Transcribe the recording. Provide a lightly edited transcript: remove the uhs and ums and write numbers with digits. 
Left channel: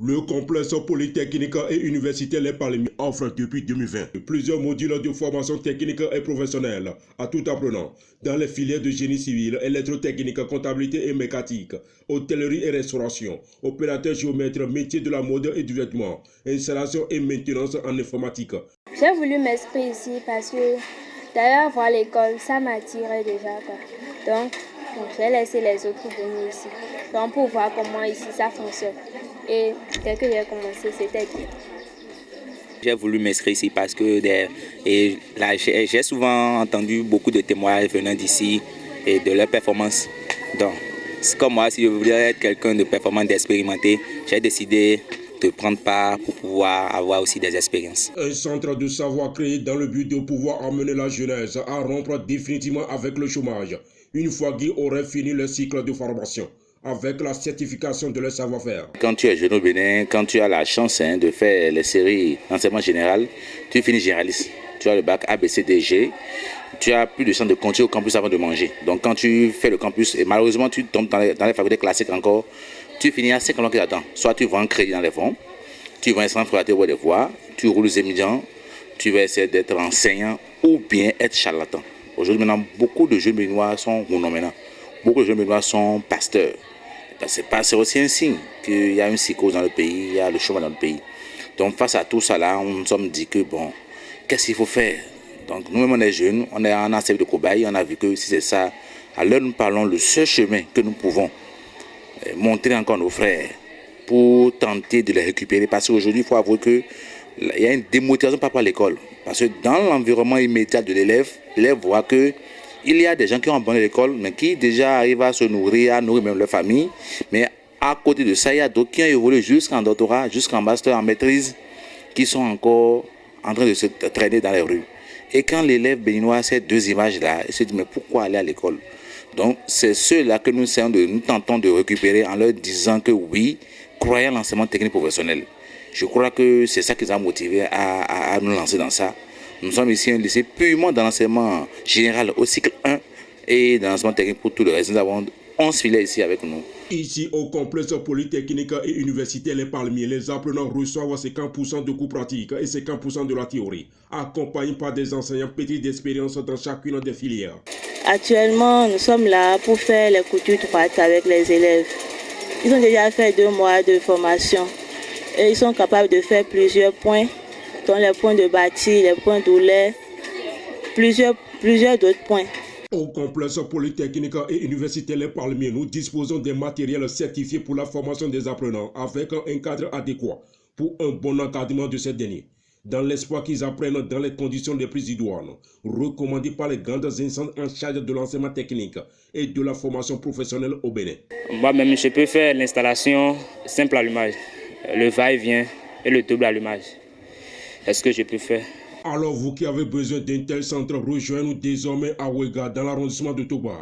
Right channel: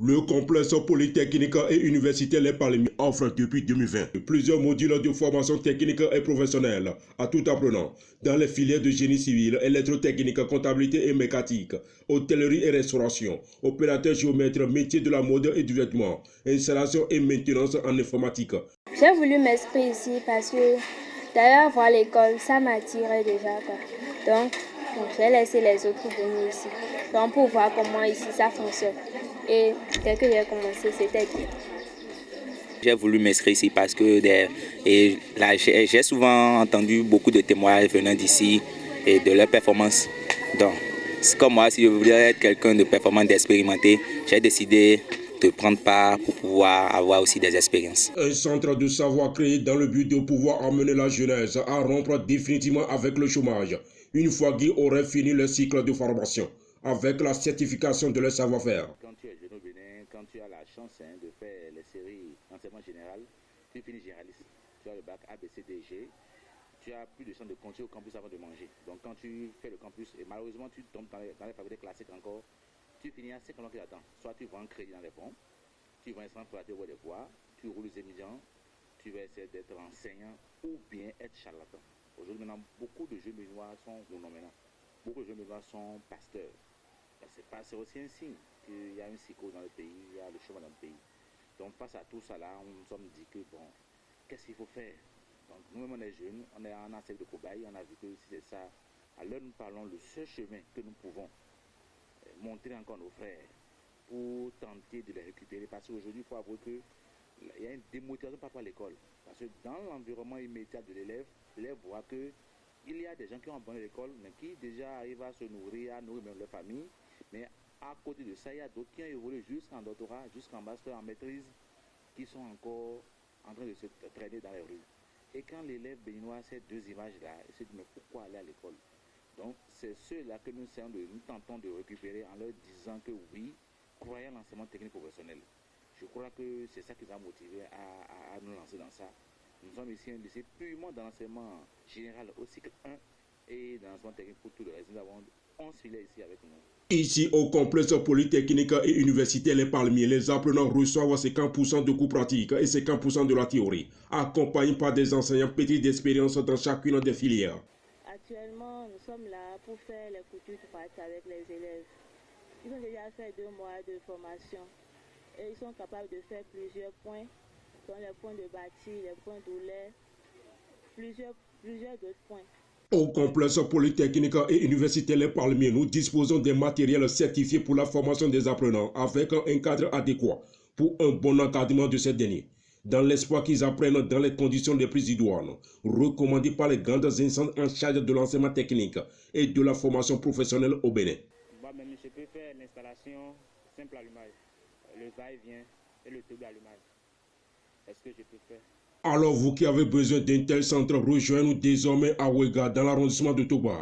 Le complexe polytechnique et universitaire Les Palmiers offre depuis 2020 plusieurs modules de formation technique et professionnelle à tout apprenant dans les filières de génie civil, électrotechnique, comptabilité et mécanique, hôtellerie et restauration, opérateur géomètre, métier de la mode et du vêtement, installation et maintenance en informatique. J'ai voulu m'inscrire ici parce que d'ailleurs voir l'école, ça m'attirait déjà, quoi. Donc, j'ai laissé les autres venir ici. Donc, pour voir comment ici ça fonctionne. Et dès que j'ai commencé, c'était bien. J'ai voulu m'inscrire ici parce que j'ai souvent entendu beaucoup de témoignages venant d'ici et de leurs performances. Donc, c'est comme moi, si je voulais être quelqu'un de performant, d'expérimenté, j'ai décidé de prendre part pour pouvoir avoir aussi des expériences. Un centre de savoir créé dans le but de pouvoir amener la jeunesse à rompre définitivement avec le chômage, une fois qu'ils auraient fini le cycle de formation, avec la certification de leur savoir-faire. Quand tu es jeune au Bénin, quand tu as la chance de faire les séries d'enseignement général, tu finis généraliste. Tu as le bac ABCDG, tu as plus de chance de continuer au campus avant de manger. Donc quand tu fais le campus, et malheureusement tu tombes dans les facultés classiques encore, tu finis à 5 ans qui attendent. Soit tu vends un crédit dans les fonds, tu vas essayer de faire des voies, tu roules les étudiants, tu vas essayer d'être enseignant ou bien être charlatan. Aujourd'hui, maintenant, beaucoup de jeunes béninois sont maintenant. Beaucoup de jeunes béninois sont pasteurs. C'est aussi un signe qu'il y a une psychose dans le pays, il y a le chômage dans le pays. Donc face à tout ça là, on nous sommes dit que bon, qu'est-ce qu'il faut faire? Donc nous-mêmes on est jeunes, on a servi de cobaye, on a vu que si c'est ça, alors nous parlons le seul chemin que nous pouvons montrer encore nos frères pour tenter de les récupérer. Parce qu'aujourd'hui, il faut avouer qu'il y a une démotivation par rapport à l'école. Parce que dans l'environnement immédiat de l'élève voit qu'il y a des gens qui ont abandonné l'école, mais qui déjà arrivent à se nourrir, à nourrir même leur famille. Mais à côté de ça, il y a d'autres qui ont évolué jusqu'en doctorat, jusqu'en master, en maîtrise, qui sont encore en train de se traîner dans les rues. Et quand l'élève béninois a ces deux images-là, il se dit mais pourquoi aller à l'école? Donc c'est ceux-là que nous tentons de récupérer en leur disant que oui, croyez à l'enseignement technique professionnel. Je crois que c'est ça qui nous a motivés à nous lancer dans ça. Nous sommes ici un lycée purement dans l'enseignement général au cycle 1 et dans l'enseignement technique pour tout le reste. Nous avons 11 filières ici avec nous. Ici, au complexe polytechnique et universitaire Les Palmiers, les apprenants reçoivent 50% de cours pratiques et 50% de la théorie, accompagnés par des enseignants petits d'expérience dans chacune des filières. Actuellement, nous sommes là pour faire les coutures droites avec les élèves. Ils ont déjà fait 2 mois de formation et ils sont capables de faire plusieurs points, dont les points de bâti, les points d'oulet, plusieurs d'autres points. Au complexe polytechnique et universitaire Les Palmiers, nous disposons des matériels certifiés pour la formation des apprenants avec un cadre adéquat pour un bon encadrement de ces derniers, dans l'espoir qu'ils apprennent dans les conditions les plus idoines, recommandées par les grandes instances en charge de l'enseignement technique et de la formation professionnelle au Bénin. Moi-même, je peux faire l'installation simple allumage, le va-et-vient et le double allumage. Est-ce que je peux faire? Alors vous qui avez besoin d'un tel centre, rejoignez-nous désormais à Ouéga dans l'arrondissement de Toba.